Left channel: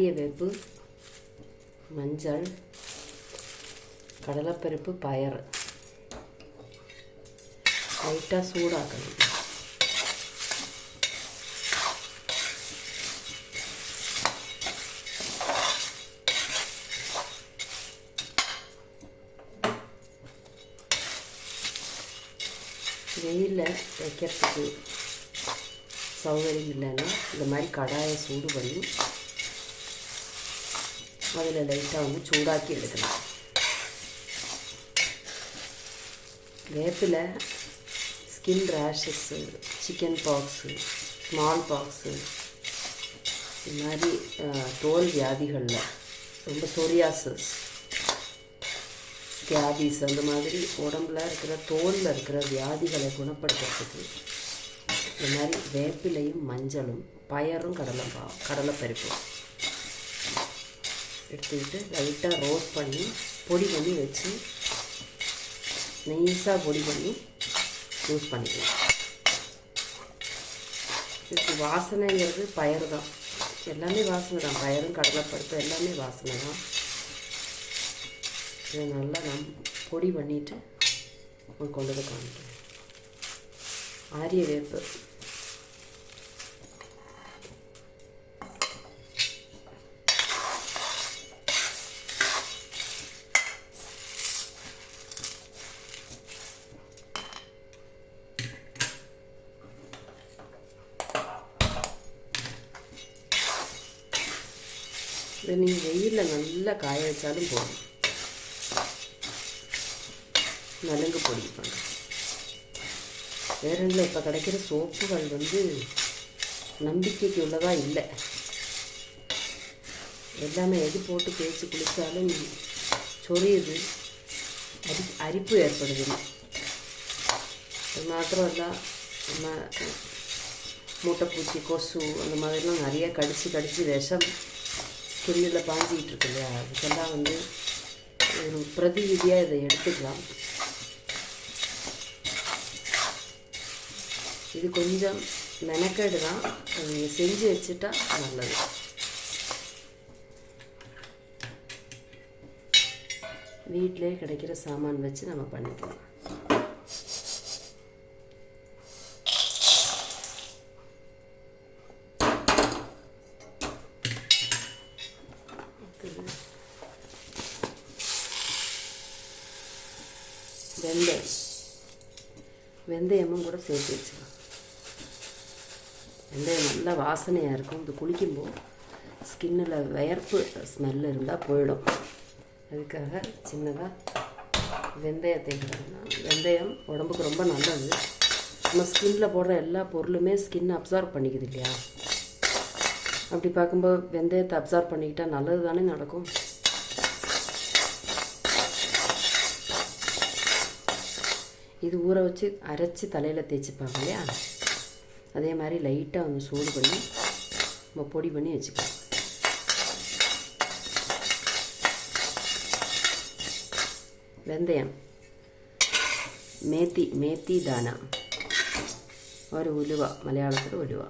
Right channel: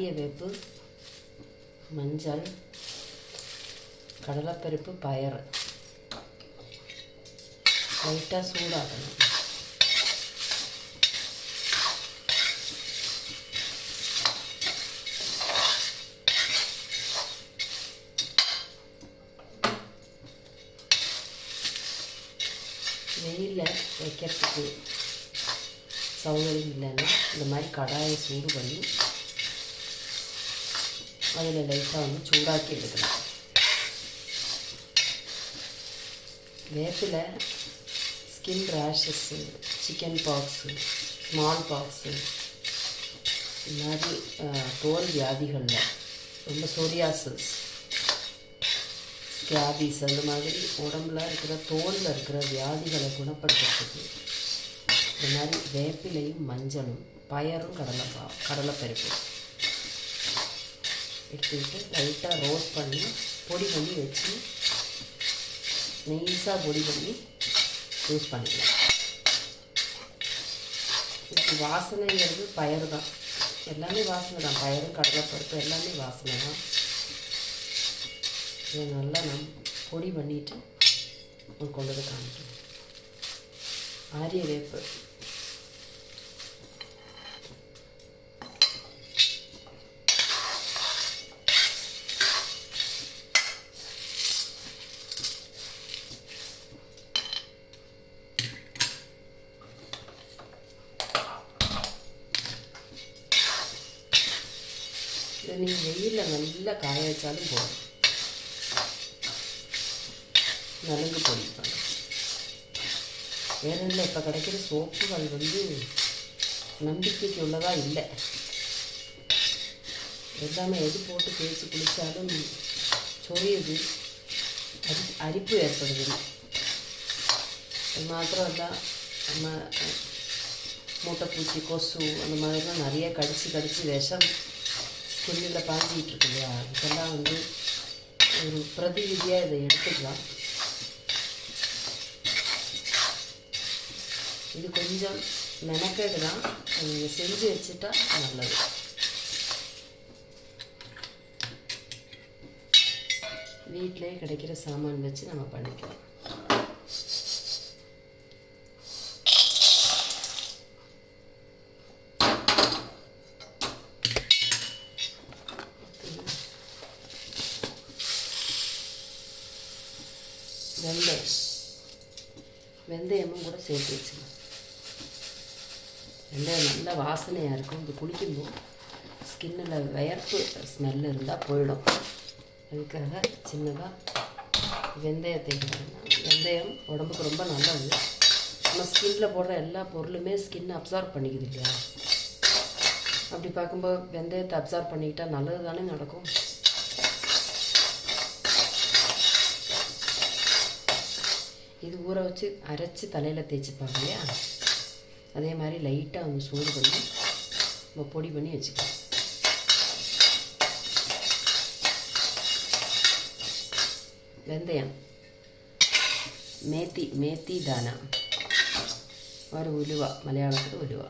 ஆரிய வேப்பு, மஞ்சள், கடலைப்பருப்பு, பயறு லைட்டாக சூடாக்கணும். வெயிலில் வைக்கிறதுக்கு சௌகரியம் இல்லைன்னா இந்த மாதிரி கடாயை சூடு பண்ணி அதில் லைட்டாக வந்து சூடாக்கி எடுக்கலாம். வேப்பில் skin rashes, chicken pox, small pox, இந்த மாதிரி தோல் வியாதிகளில் ரொம்ப சொரியாசிஸ், ஸ்கேபிஸ் அந்த மாதிரி உடம்புல இருக்கிற தோலில் இருக்கிற வியாதிகளை குணப்படுத்துறதுக்கு இந்த மாதிரி வேப்பிலையும் மஞ்சளும் பயறும் கடலைப்பருப்பு எடுத்துக்கிட்டு லைட்டாக ரோஸ்ட் பண்ணி பொடி பண்ணி வச்சு நெய்ஸாக பொடி பண்ணி யூஸ் பண்ணிக்கலாம். இதுக்கு வாசனைங்கிறது பயறு தான், எல்லாமே வாசனை தான். பயறும் கடலைப்பருப்பு எல்லாமே வாசனை தான். இதை நல்லா பொடி பண்ணிவிட்டு கொண்டு போய் காமிக்கிறேன். ஆரிய வேப்பு, இதை நீங்கள் வெயிலில் நல்லா காய வச்சாலும் போதும். நலுங்கு பொடி பண்ணுறேன். வேறு இல்லை, இப்போ கிடைக்கிற சோப்புகள் வந்து நம்பிக்கைக்கு உள்ளதாக இல்லை. எல்லாமே எது போட்டு தேய்ச்சி குடித்தாலும் சொரியுது, அரிப்பு ஏற்படுது. அது மாத்திரம் இல்லை, மூட்டைப்பூச்சி, கொசு அந்த மாதிரிலாம் நிறைய கடித்து விஷம் ஸ்கின்னில் பாஞ்சிக்கிட்டு இருக்கு இல்லையா, இதுக்கெல்லாம் வந்து ஒரு பிரதிவிதியாக இதை எடுத்துக்கலாம். இது கொஞ்சம் மெனக்கேடு தான், நீங்கள் செஞ்சு வச்சுட்டா நல்லது. வீட்டிலே கிடைக்கிற சாமான் வச்சு நம்ம பண்ணிக்கலாம். வெந்தயமும் கூட சேர்த்து வச்சுக்கலாம். வெந்தயம் நல்லா வாசனையாக இருக்கும். இது குளிக்கும்போது ஸ்கின்னில் வியர்ப்பு ஸ்மெல் இருந்தால் போயிடும். அதுக்காக சின்னதாக வெந்தயத்தை வெந்தயம் உடம்புக்கு ரொம்ப நல்லது. நம்ம ஸ்கின்னில் போடுற எல்லா பொருளுமே ஸ்கின் அப்சார்ப் பண்ணிக்குது இல்லையா. அப்படி பார்க்கும்போது வெந்தயத்தை அப்சார்ப் பண்ணிக்கிட்டால் நல்லது தானே நடக்கும். இது ஊற வச்சு அரைச்சி தலையில் தேய்ச்சிப்பாங்க இல்லையா, அதே மாதிரி லைட்டாக வந்து சூடு பண்ணி நம்ம பொடி பண்ணி வச்சுக்கலாம். வெந்தயம், மேத்தி தானா, ஒரு உலுவா, மலையாளத்தில் உலுவா,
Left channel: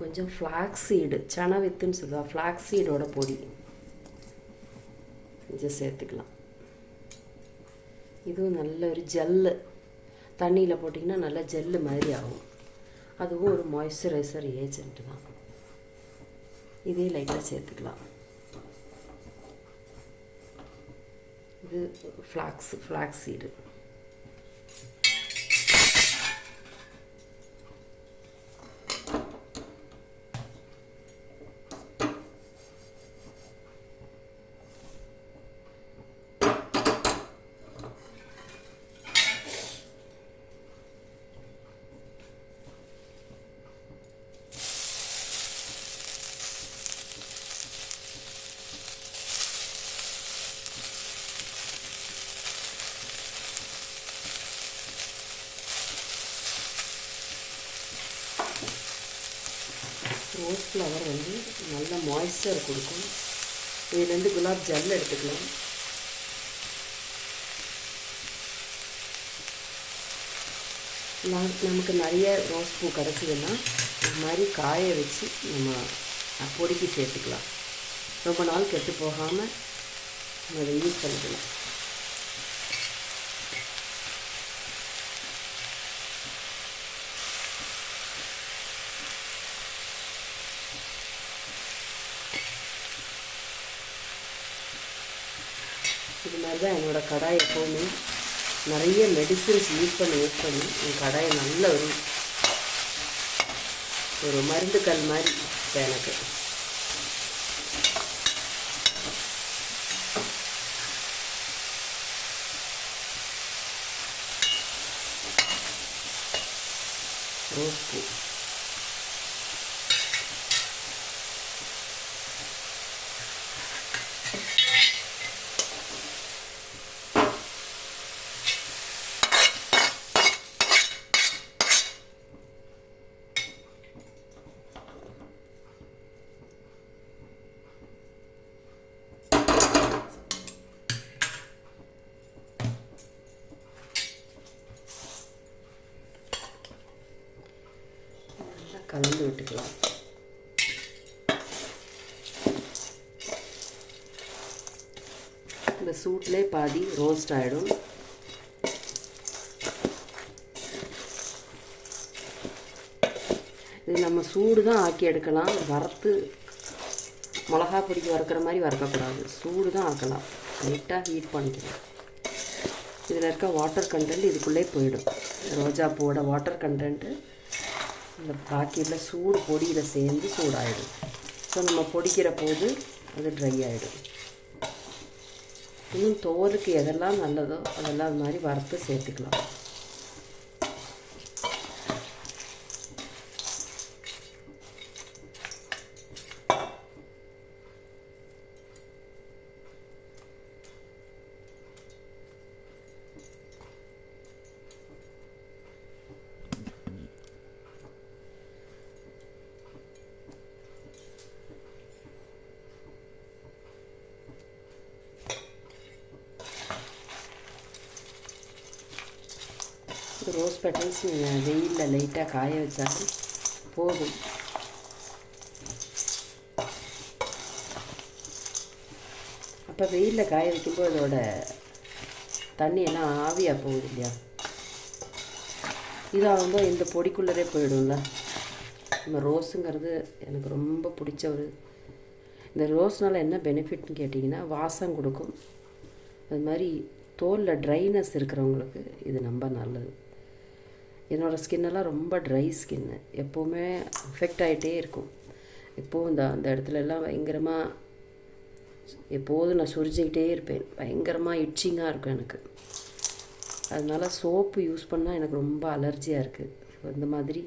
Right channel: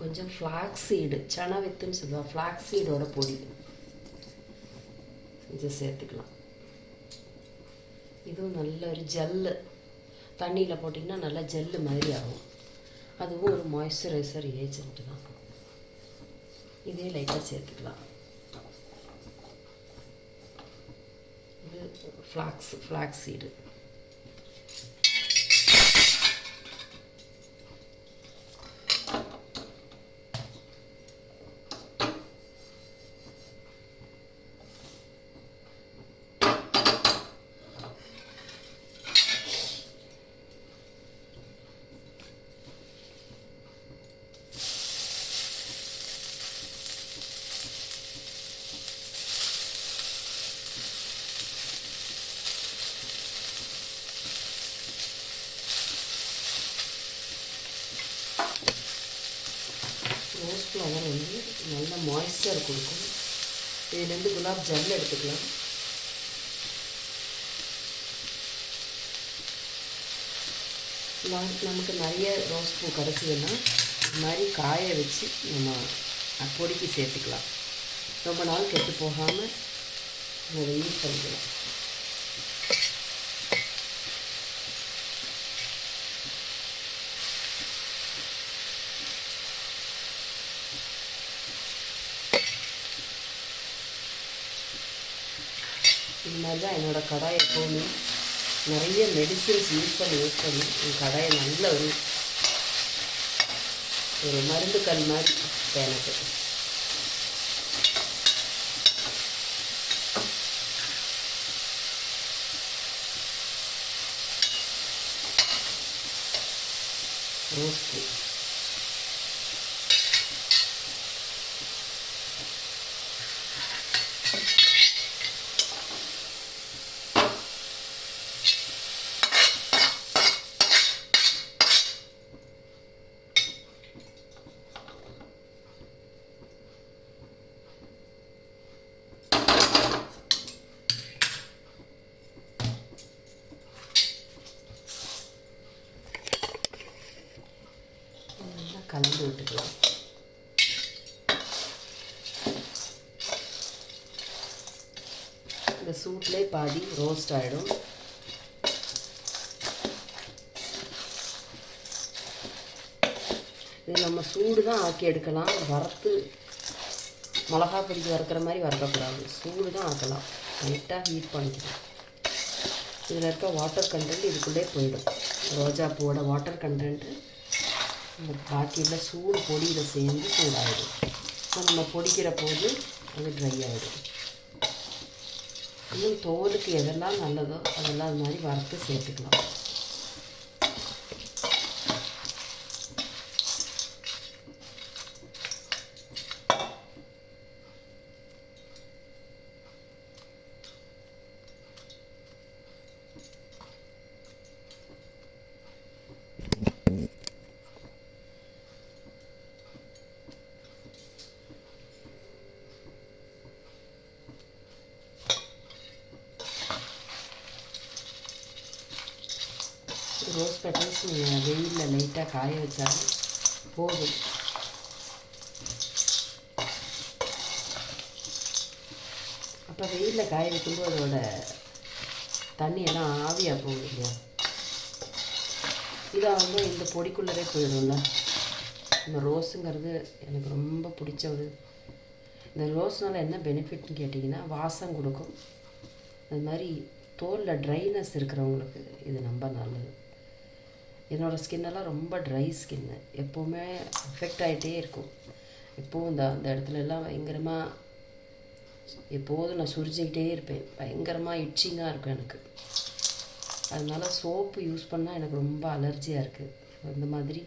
கொஞ்சம் ஃப்ளாக்ஸ் சீடு, சனா வித்துன்னு சொல்லுவாள், ஃப்ளாக்ஸ் சீடோட பொடி இதை சேர்த்துக்கலாம். இதுவும் நல்ல ஒரு ஜெல்லு, தண்ணியில் போட்டிங்கன்னா நல்லா ஜெல்லு மாதிரி ஆகும். அதுவும் ஒரு மாய்ஸ்சரைசர் ஏஜென்ட் தான். இதே லைட்டாக சேர்த்துக்கலாம். இது ஃப்ளாக்ஸ் சீடு. மாய்ஸ்சர் கொடுக்கும். இதுலேருந்து குலாப் ஜல் எடுத்துக்கலாம். நமக்கு நிறைய ரோஸ் பூ கிடச்சிதுன்னா இது மாதிரி காய வச்சு நம்ம பொடிக்கு சேர்த்துக்கலாம். ரொம்ப நாள் கெட்டு போகாமல் அதை யூஸ் பண்ணிக்கலாம். இது மாதிரி தான் என்னோடய கடாய் எப்போவுமே நிறைய மெடிசின்ஸ் யூஸ் பண்ணி என் கடாயை நல்ல ஒரு மருந்து கல் மாதிரி எனக்கு. ரோஸ் பூ கலந்து விட்டுக்கலாம். இந்த சூட்லேயே பாதி ரோஸ்ட் ஆகிடும். இது நம்ம சூடு தான் ஆக்கி எடுக்கலாம். வறுத்து மிளகா பொடிக்கு வறுக்கிற மாதிரி வறுக்கக்கூடாது. சூடு தான் ஆக்கலாம். லைட்டாக ஹீட் பண்ணிக்கலாம். இதில் இருக்க வாட்டர் கண்டென்ட் இதுக்குள்ளே போயிடும். ரோஜா பூவோட வாட்டர் கண்டென்ட்டு இந்த பாக்கெட்டில் சூடு பொடியில் சேர்ந்து சூடாகிடும். ஸோ நம்ம பொடிக்கிற போது அது ட்ரை ஆகிடும். இன்னும் தோலுக்கு எதெல்லாம் நல்லதோ அதெல்லாம் அது மாதிரி வறுத்து சேர்த்துக்கலாம். ரோஸ் பெட்டல்ஸ் வெயிலில் லைட்டாக காய வச்சாலும் போதும். அப்போ வெயிலில் காய வைக்கும்போது அதோட தண்ணியெல்லாம் ஆவியாக போகுது இல்லையா? இதாகும்போது இந்த பொடிக்குள்ளதே போயிடும்ல. இந்த ரோஸுங்கிறது எனக்கு ரொம்ப பிடிச்சது. இந்த ரோஸ்னால் என்ன பெனிஃபிட்னு கேட்டிங்கன்னா வாசம் கொடுக்கும். அது மாதிரி தோலில் ட்ரைனஸ் இருக்கிறவங்களுக்கு இது ரொம்ப நல்லது. என்னோடய ஸ்கின்னெல்லாம் ரொம்ப ட்ரை ஸ்கின்னு, எப்போவுமே அஃபெக்ட் ஆகிட்டே இருக்கும். எப்போவும் அந்த இடத்துலலாம் பயங்கரமாக எப்போதும் நான் சுரிஞ்சிக்கிட்டே இருப்பேன். பயங்கரமாக இட்சிங்காக இருக்கும் எனக்கு. அதனால் சோப்பு யூஸ் பண்ணால் எனக்கு ரொம்ப அலர்ஜியாக இருக்குது. இந்த மாதிரி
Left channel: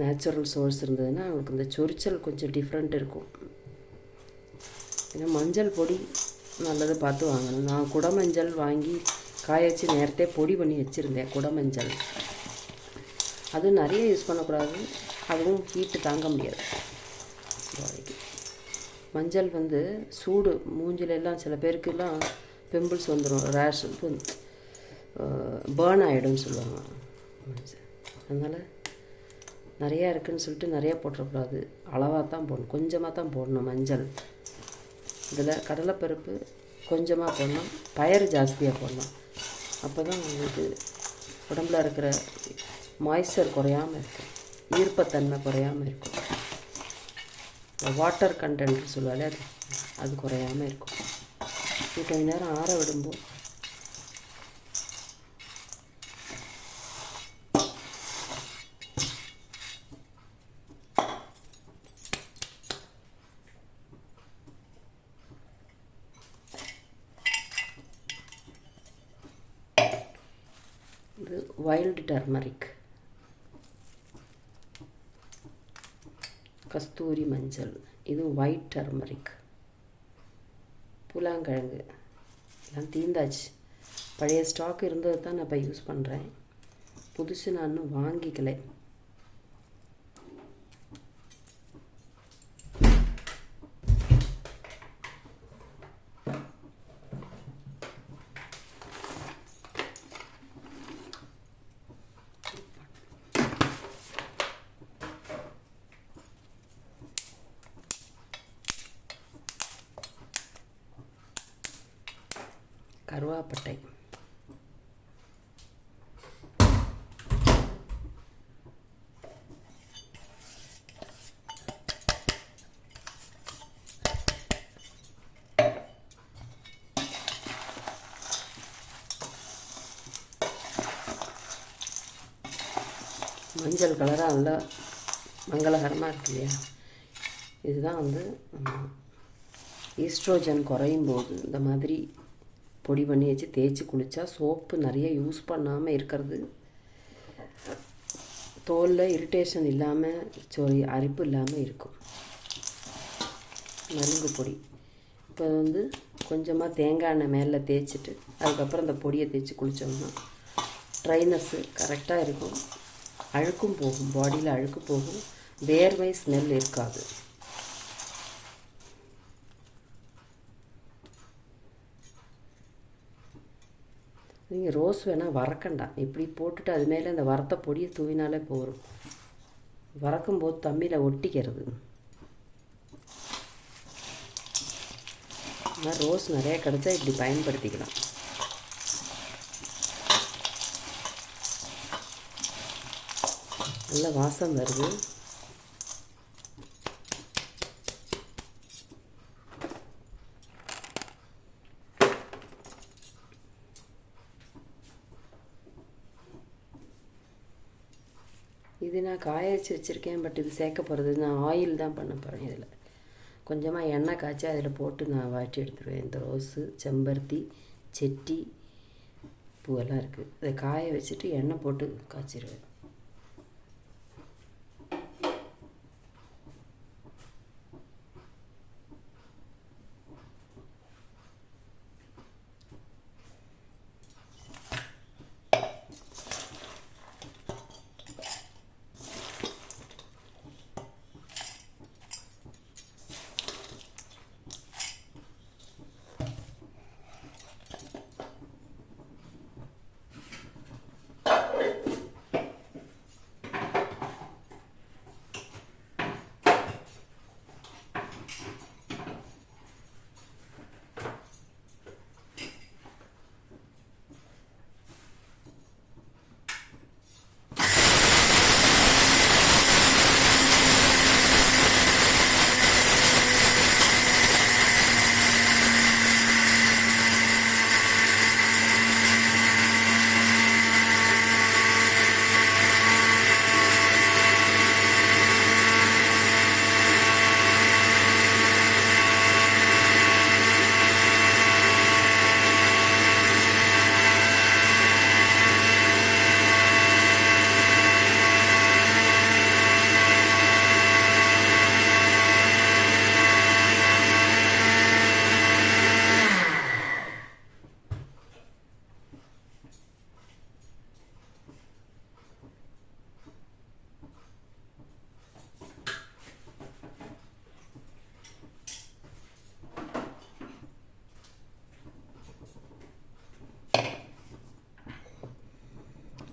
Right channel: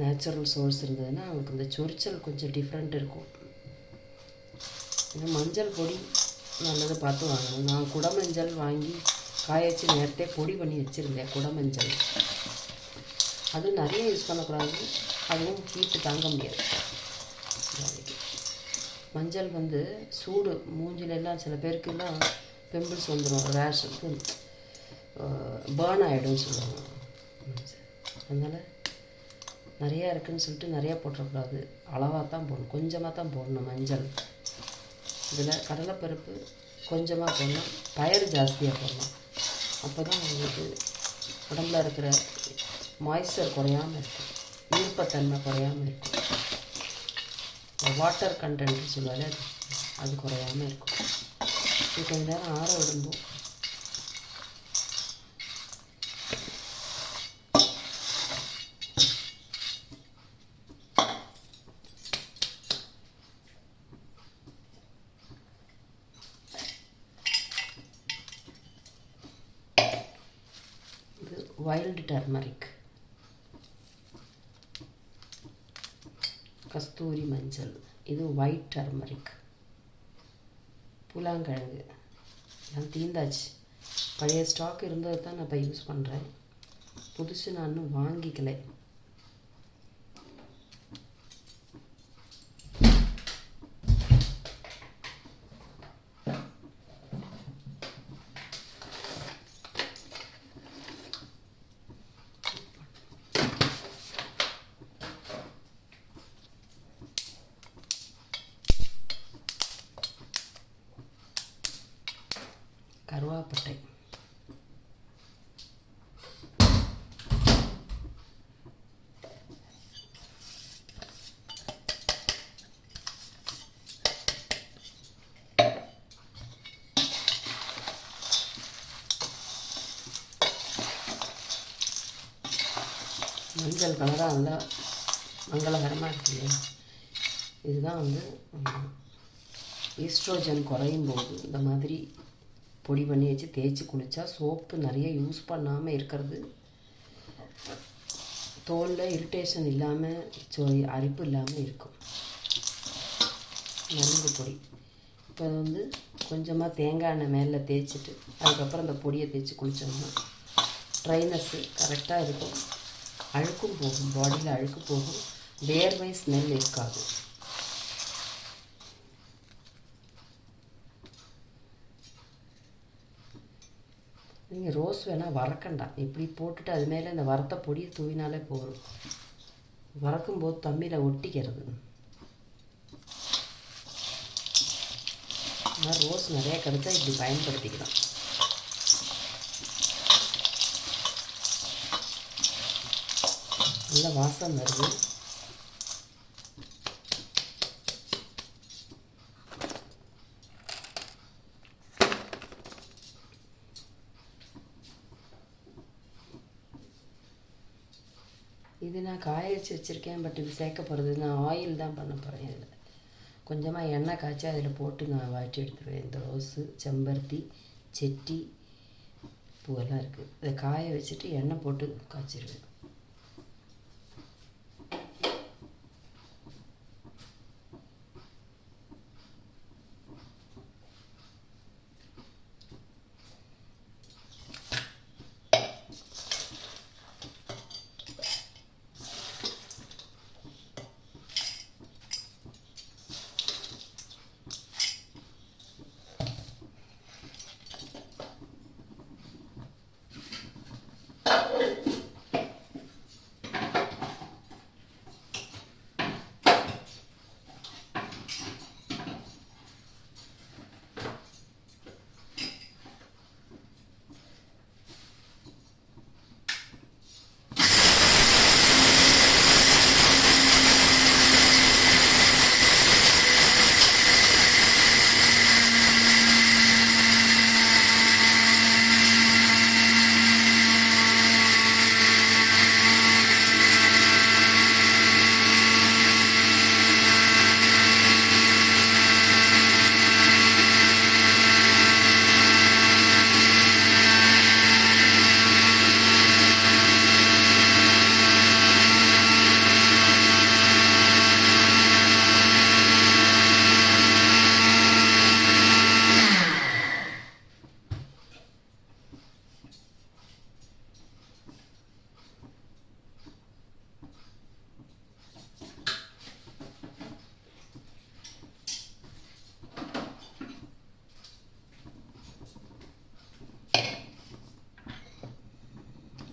நேச்சுரல் சோர்ஸ் இருந்ததுன்னா அவங்களுக்கு இந்த சொரிச்சல் கொஞ்சம் டிஃப்ரெண்ட் இருக்கும். ஏன்னா மஞ்சள் பொடி நல்லது பார்த்து வாங்கணும். நான் குடமஞ்சள் வாங்கி காய வச்சு நேரத்தே பொடி பண்ணி வச்சுருந்தேன். குடமஞ்சள் அது நிறைய யூஸ் பண்ணக்கூடாது. அதுவும் ஹீட்டு தாங்க முடியாது. மஞ்சள் சூடு மூஞ்சிலெல்லாம் சில பேருக்கெல்லாம் பிம்பிள்ஸ் வந்துடும், ரேஷ் பேர்ன் ஆகிடும்னு சொல்லுவாங்க. அதனால் நிறையா இருக்குதுன்னு சொல்லிட்டு நிறையா போட்டுறக்கூடாது. அளவாக தான் போடணும், கொஞ்சமாக தான் போடணும். மஞ்சள் இதில் கடலைப்பருப்பு கொஞ்சமாக போடணும், பயறு ஜாஸ்தியாக போடணும். அப்போ தான் உங்களுக்கு உடம்புல இருக்கிற மாய்ஸ்சர் குறையாமல் இருக்கும், ஈர்ப்பத்தன்மை குறையாமல் இருக்கும். வாட்டர் கண்டென்ட் சொல்லுவாலே அது குறையாமல் இருக்கும். கொஞ்ச நேரம் ஆற விடும்போது வைல்டு டர்மரிக், கஸ்தூரி மஞ்சள், இது ஒயிட் டர்மரிக், புலாங்கிழங்கு எல்லாம் தீந்தாச்சு. பழைய ஸ்டாக் இருந்தது தான் நான் இப்போ யூஸ் பண்ணுறேன். புதுசு நான் இன்னும் வாங்கிக்கலை. கருவேப்பட்டை, மஞ்சள் கலராக நல்லா மங்களகரமாக இருக்கு இல்லையா? இதுதான் வந்து ஈஸ்ட்ரோஜன் குறையும் போது இந்த மாதிரி பொடி பண்ணி வச்சு தேய்ச்சி குளித்தா சோப்பு நிறைய யூஸ் பண்ணாமல் இருக்கிறது, தோலில் இரிட்டேஷன் இல்லாமல் அரிப்பு இல்லாமல் இருக்கும். மருந்து பொடி. இப்போ வந்து கொஞ்சமாக தேங்காய் எண்ணெய் மேலே தேய்ச்சிட்டு அதுக்கப்புறம் அந்த பொடியை தேய்ச்சி குளித்தோம்னா ட்ரைனஸ்ஸு கரெக்டாக இருக்கும். அழுக்கும் போகும், பாடியில் அழுக்கு போகும், வேர்வை ஸ்மெல் இருக்காது. நீங்கள் ரோஸ் வேணால் வறக்கண்டாம், இப்படி போட்டுட்டு அது மேலே இந்த வறுத்த பொடியை தூவினாலே போகும். வறக்கும்போது தண்ணியில் ஒட்டிக்கிறது. ஆனால் ரோஸ் நிறையா கிடச்சா இப்படி பயன்படுத்திக்கலாம். நல்ல வாசம் வருது. இது நான் காய வச்சு வச்சுருக்கேன், பட் இது சேர்க்க போகிறது நான் ஆயில் தான் பண்ண போகிறேன். இதில் கொஞ்சமாக எண்ணெய் காய்ச்சி அதில் போட்டு நான் வாட்டி எடுத்துருவேன். இந்த ரோஸு, செம்பருத்தி, செட்டி பூவெல்லாம் இருக்குது. இதை காய வச்சுட்டு எண்ணெய் போட்டு காய்ச்சிடுவேன்.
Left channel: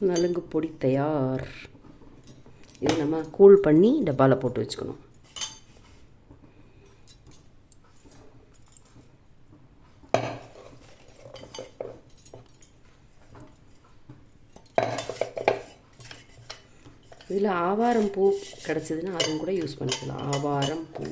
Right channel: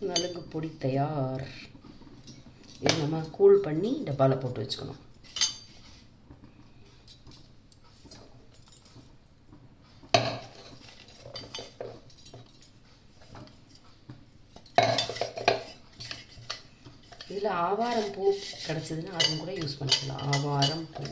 நலுங்கு பொடி தயார். இது நம்ம கூல் பண்ணி டப்பாவில் போட்டு வச்சுக்கணும். இதில் ஆவாரம் பூ கிடச்சதுன்னா அதுவும் கூட யூஸ் பண்ணிக்கலாம். ஆவாரம் பூ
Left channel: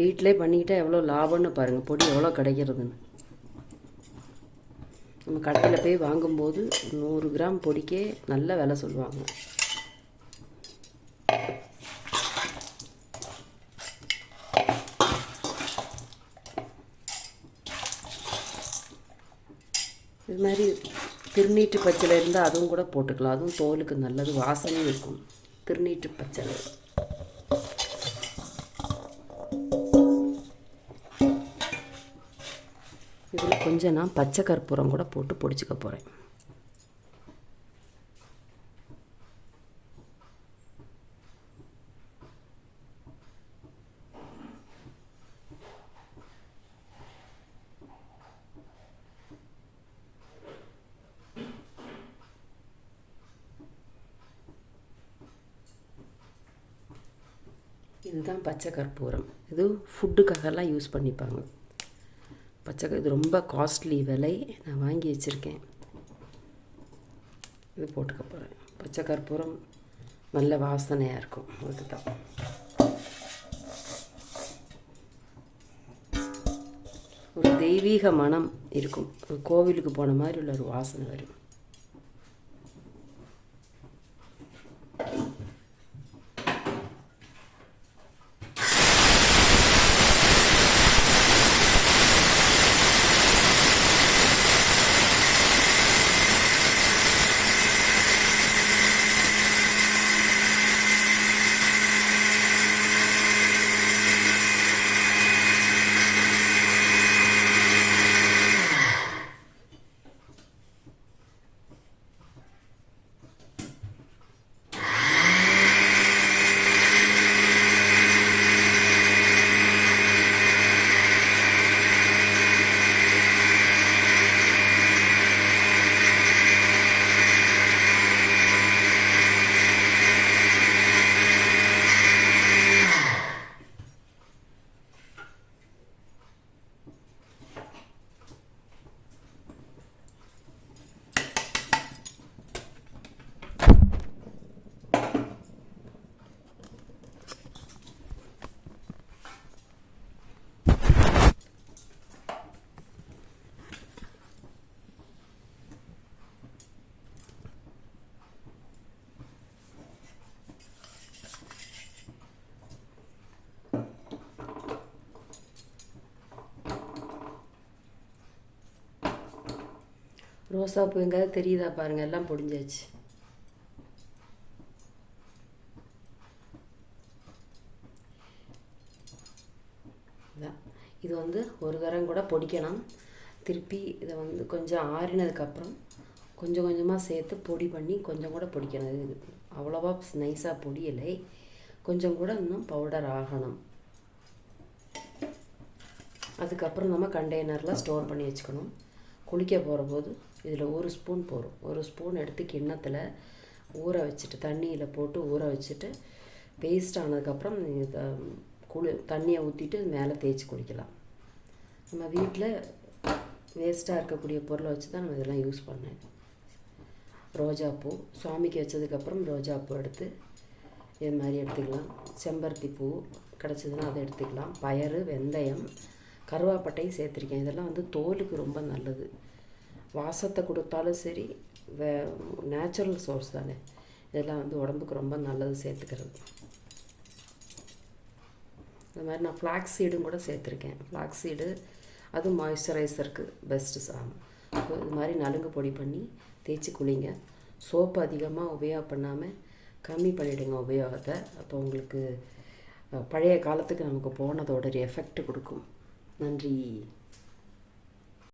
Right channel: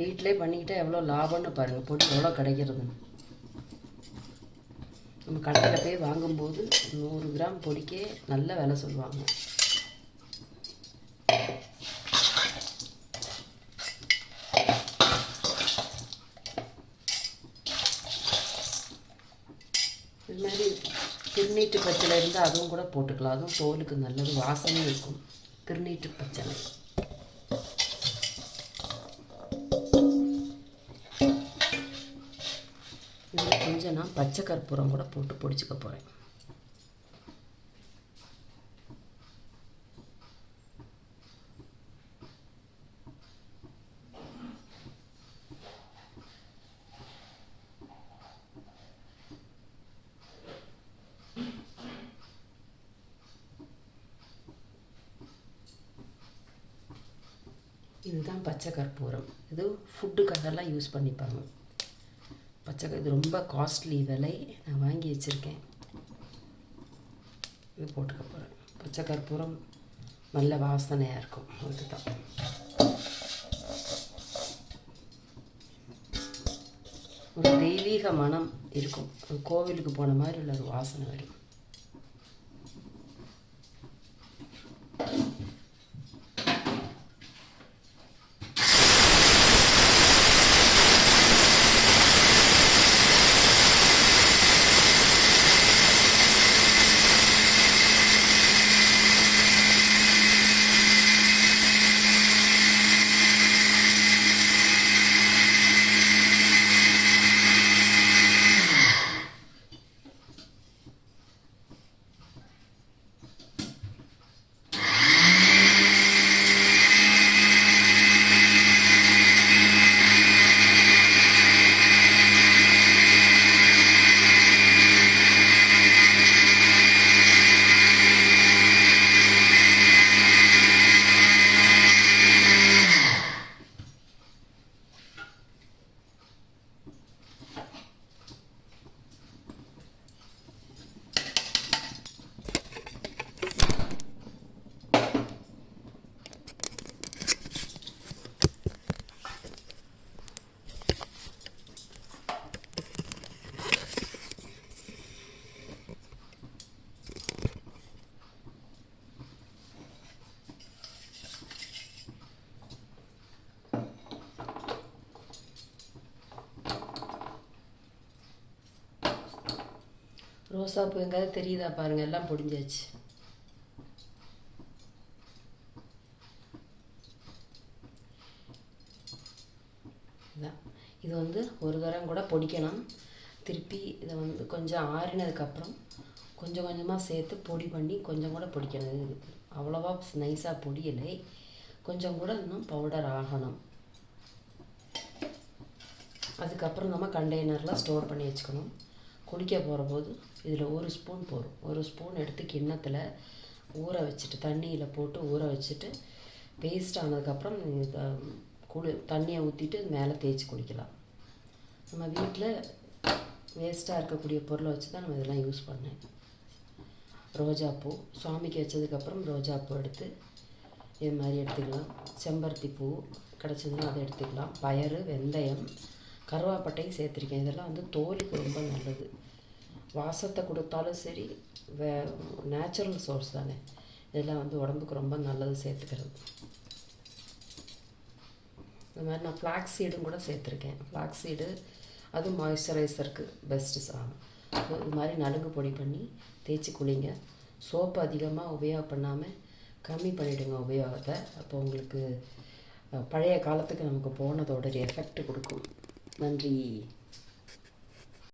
வீட்டிலே பண்ணிக்கிட்டால் எவ்வளோ லாபம்னு பாருங்கள், பொடி எவ்வளோ கிடைக்கிறதுன்னு. நம்ம கடையில் போய் வாங்கும்போது 100 கிராம் பொடிக்கே நல்ல விலை சொல்லுவாங்க. இது மாதிரி திருநீட்டு பச்சளை இருந்தால் அதுவும் கூட போட்டுக்கலாம், அதுவும் தோலுக்கு நல்லது, வாசனையும் இருக்கும். திருநீட்டு பச்சளை இதில் கொஞ்சம் நான் பச்சை கற்பூரம் கூட போட்டு பொடிச்சுக்க போகிறேன். இதுதான் பச்சை கற்பூரம். இது ஃபுட்டுக்காகலாம் யூஸ் பண்ணிப்பாங்க. இது ரொம்ப காஸ்ட்லி விலை, நான் வாங்கி வச்சுருக்கேன். இது போட்டுக்க போகிறேன். பச்சை கற்பூரம் நல்ல வாசனையாக இருக்கும், அதுதான். ஒரு தெய்வீக மனம் இருக்கும், கோவிலுக்கு போன மாதிரி உள்ள ஒரு வாசனை வரும். ரோசாப்பூ எங்காவது தெரியுதா பாருங்கள், எல்லாம் பொடிஞ்சாச்சு. இதான் இது வந்து ஒரு தரம் கூட பொடிக்கணும். திருப்பி இதை வந்து கொஞ்சம் ஆறினதுக்கப்புறம் கொஞ்சம் கொஞ்சமாக சேர்த்து பொடி பண்ணி கொஞ்சம் கூட பொடிக்கணும். இது அவ்வளோவா நைஸாக பொடியலை, கொஞ்சம் கூட இன்னும் பவுடர் ஆகணும். அதுக்கப்புறம் நம்ம கண்டெய்னரில் ஸ்டோர் பண்ணி வச்சுக்கணும். குளிக்க போகிற போது இதில் 1 ஸ்பூன் போடும். 1 ஸ்பூன் எடுத்து கிண்ணத்தில் ஊற வச்சுட்டு, தண்ணியில் போட்டு ஊற வச்சுட்டு, பேஸ்ட் ஆனதுக்கப்புறம் இதை தண்ணியை ஊற்றிட்டு மேலே தேய்ச்சி குடிக்கலாம். நம்ம வீட்டில் வேஸ்ட்டாக இருக்கக்கூடிய பொருளை வச்சு தான் நம்ம இதெல்லாம் யூஸ் பண்ணேன். ரோஜாப்பூ சுவாமிக்கு வச்சதுக்கப்புறம் ரோஜாப்பூ எடுத்து இது மாதிரி எடுத்துக்கலாம். செம்பருத்தி பூ கிடச்சதுன்னா அதை எடுத்துக்கலாம். பயறு, வெந்தயம், கருவாப்பட்டையும் சேர்த்துருக்கேன். இதெல்லாம் வந்து தோலுக்கு ரொம்ப நல்லது. வாசத்தை கொடுத்தாலும் சரி, நேச்சுரல் சோர்ஸ் தானே, இதெல்லாம் வந்து உடம்புக்கு ரொம்ப நல்லது சேர்த்துக்கிறது. இந்த மாதிரி நான் ஃப்ளாக்ஸ் சீடும் கூட சேர்த்துருக்கேன். ஃப்ளாக்ஸ் சீடு அது மாய்ஸ்சரைசருக்கு பெஸ்ட்டு சாமம். இது மாதிரி நலுங்கு பொடி பண்ணி தேய்ச்சி குளிங்க. சோப்பு அதிகமாக உபயோகம் பண்ணாமல் கம்மி பண்ணிவிடுங்க உபயோகத்தை. அப்போ உங்களுக்கு பழைய காலத்துக்கு நமக்கு போனதோட ஒரு எஃபெக்ட் கொடுக்கும். நன்றி.